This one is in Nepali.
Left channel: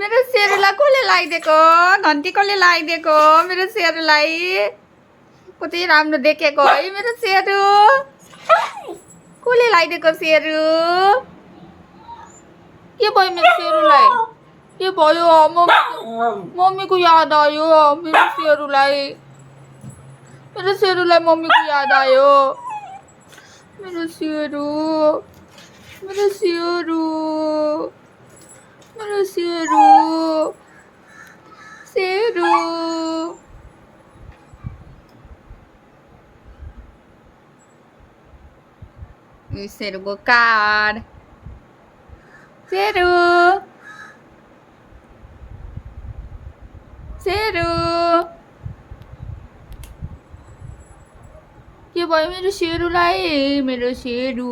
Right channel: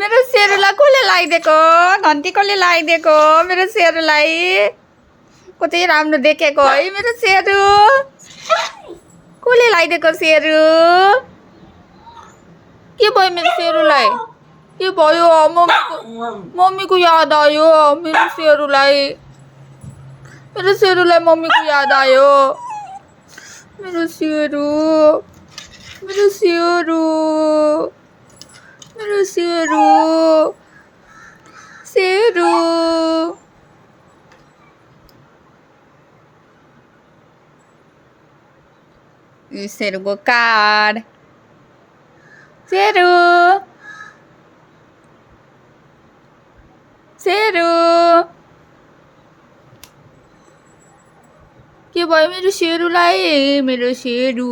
मेरो सेरुलाई कसले लगाइदिएको घन्टी कसले लगाइदिएको मेरो सेरुलाई कति राम्रो देखेको है मेरो सेरु कसले लगाइदिएको सेरु के भयो मेरो सेरुलाई के भयो मम्मीको याद आयो मेरो सेरुलाई मम्मीको याद आयो मेरो सेरु मेरो सेरु मेरो सेरु सेरु सेरुको कार्ड सेरु सेरु के भयो मेरो सेरुलाई मेरो सेरु